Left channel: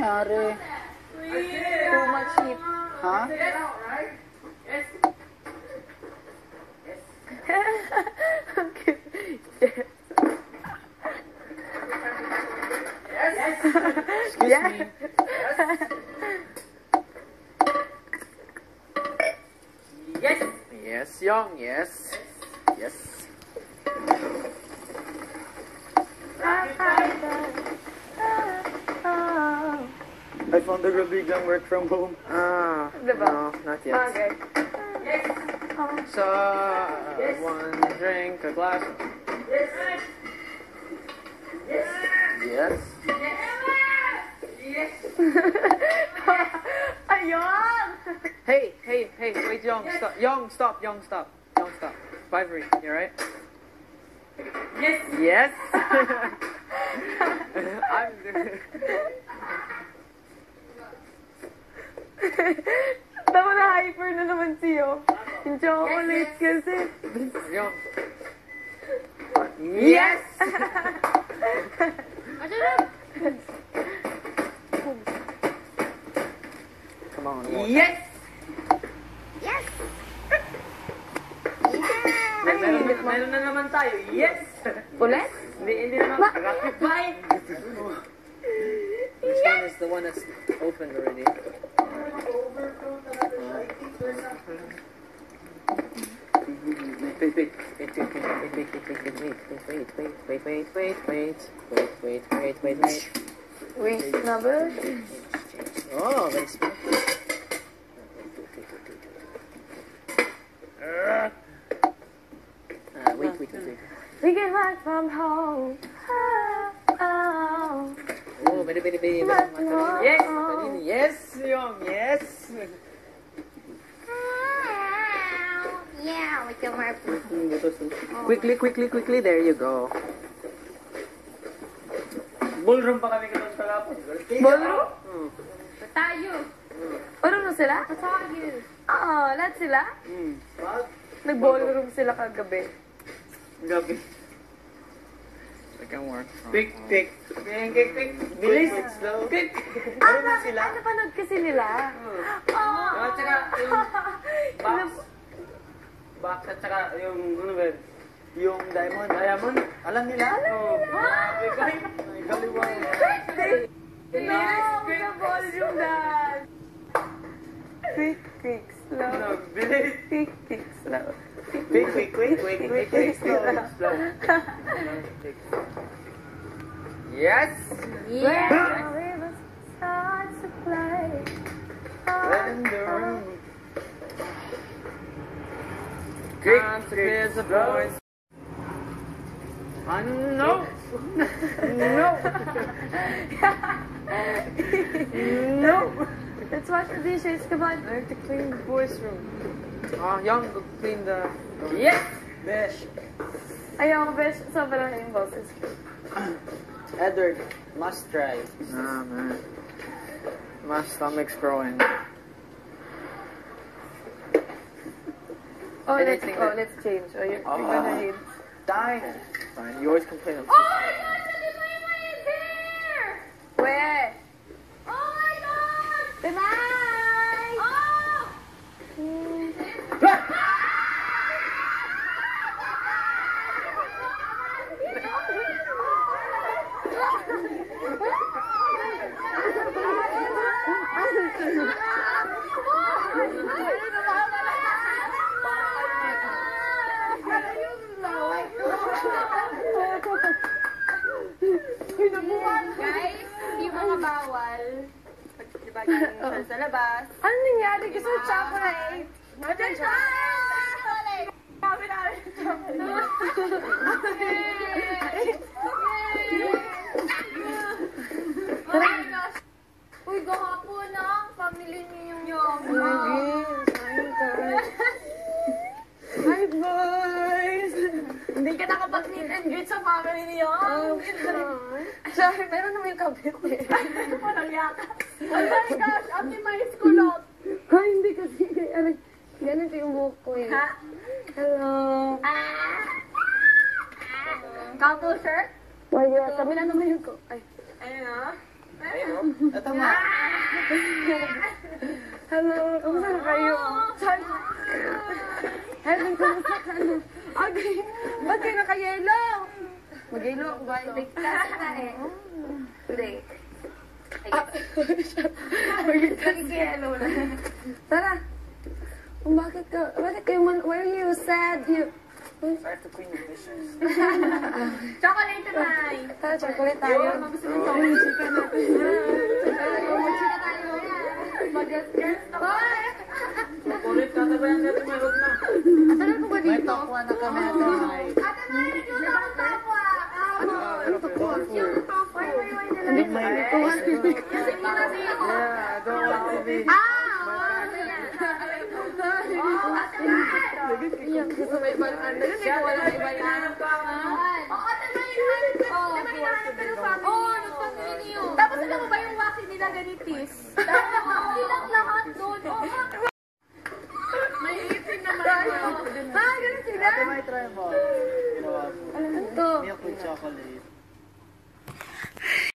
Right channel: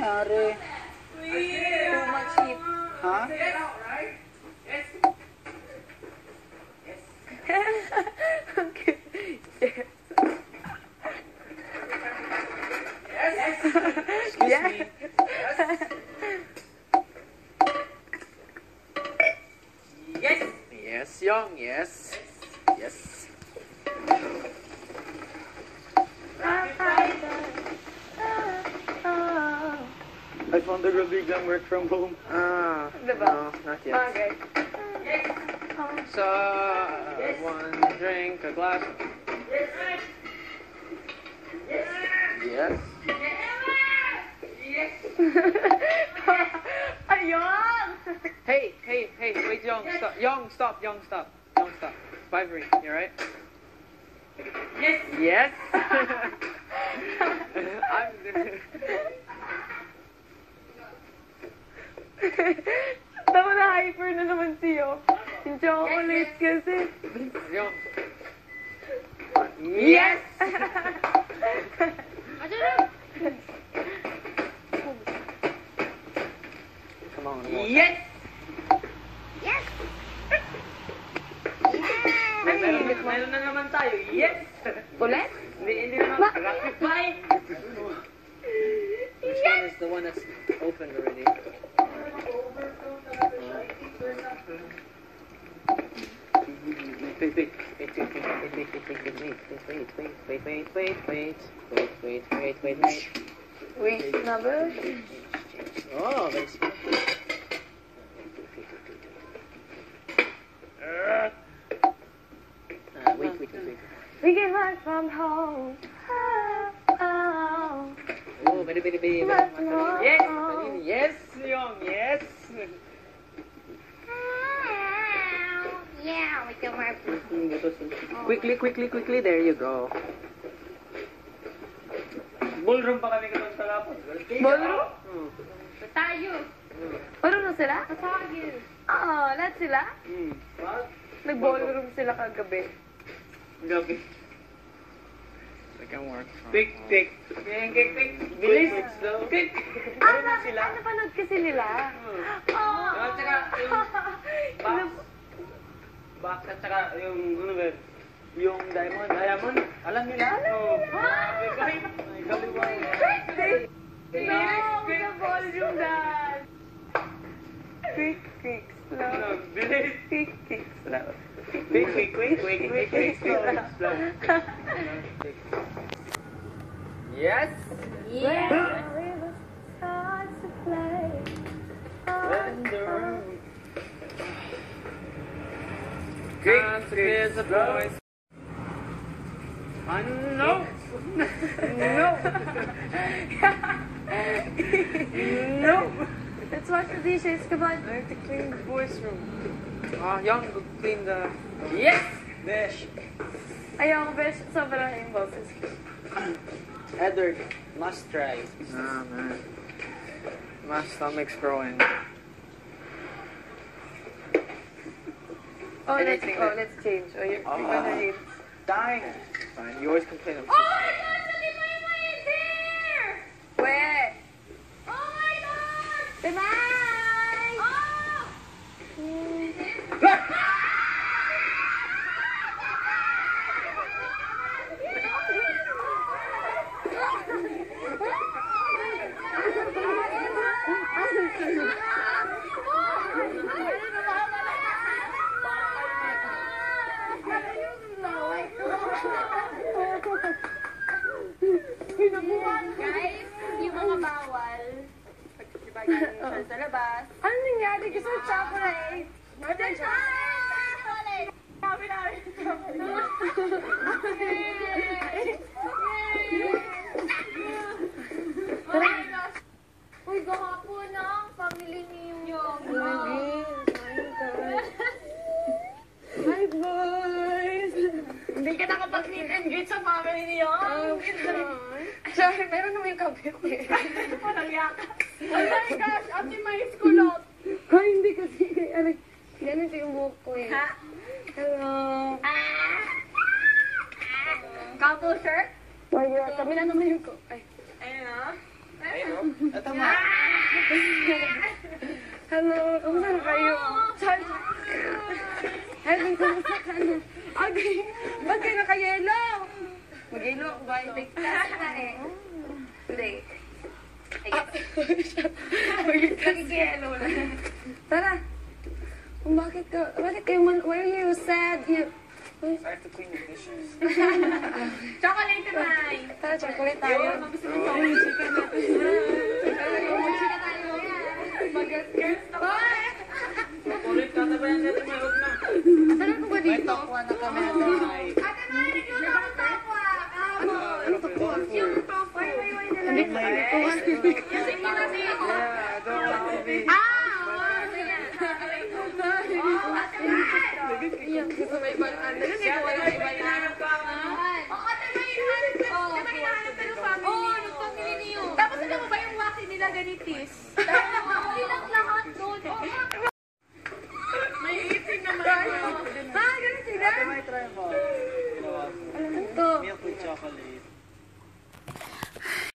nangyari? Too much heat. Ha? Excuse me. Yes! Yes, Young, yes. Yes. I found the biglang work from home. Diba? No, not yet. Okay. So, one drink, a glass. Yes. Ayun! Hey, wait, Young, stop. Young, stop. 5 ring, you alright? Yes! Yes. Tama na hyper na naman siyo. Yung chocolate kasi. Young. Yes. Come on. Yes! Meron na naman tayo. Yes! Ulit? Hindi naman. Rapid fire! This one is the one that's opened already. Wait. Wait, number? Oh, very smart. Wait. We get back from home. Oh. Oh, baby. Yes! Yes, Young, yes. Yeah, with your wife. Quickly, there you go. Ballroom pa kami ganun kalapon. Ballroom? Tayo! Ballroom na sila? Tayo! Oo, lahat sila? Nag-ballroom sila kagabi. Gabi. Second work. Quick. Bilis! Quick! Napanood kasi nila. At saka yung box at saka yung ano ba? Yung diamond. Alam nila? Galing. Bilis! Nag-ballroom dad! Quick, slow. Bilis! Quick, slow. Quick. Yes. Yeah! Starts to play. In the room. Quick, kids and boys. No. Let's wash the dishes, come on. I have to clean the boys' room. Young, clean the. Yes! Dish. Ayaw, best, sobrang yung boses. Edward, must try. Oh, man. My stomach's growing. Let's change. You're gonna hate. Dying. Fine, you always complain of Oh my god! Look there! Where? Oh my god! Tonight! Guys, yung mga bawal. Diba ganyan sa labas? Ano nangyari? Gusto mo chocolate? Chocolate! Sabi namin Oh my gosh! Uy, gahapon na ang family niyo. Hi, boys! Hindi ka nakapag-meet and greet sa family niyo. Sorry, meron naman yung kabit eh. Walang yakas. Oh my gosh! Ate Mais kulot. Ay, hindi kasi. Ganun ko yung buhok ko eh. Ha? Hello. Couple shirt? Why, kami na naman yung ko. Ay. Ayun na. Ayun, oh. Ito nga. Hello, kumusta na kayo? Hello, kumusta ka na? Okay, ba't kayo naka-yelo? Mag-yelo ako guys. Ligtas na eh. Hindi. Nag-yelo na. Tara. Bakit kayo why are you sad? I have to clean the dishes. Chocolate na. Tara, chocolate tayo. Gusto mo mag-chika natin. Mag-chika tayo. Mag-girls na. Ulit, tatabayan natin may huwag na. Asalan ko ba dito? Takwa na kami na tayo. Ate Maya, nagluto ng takwa. Ano to po? Hindi mo Yung na si... Yeah, I don't want to be. Iyan, gusto may ibang ano. Kasi wala na ibang ano. Tapos alam mo ba yung waki nila ganitis? Silang lahat doon. May ipin naman. Ha, ganun sila? Ate, may try mo. Ano to? Milk with chocolate.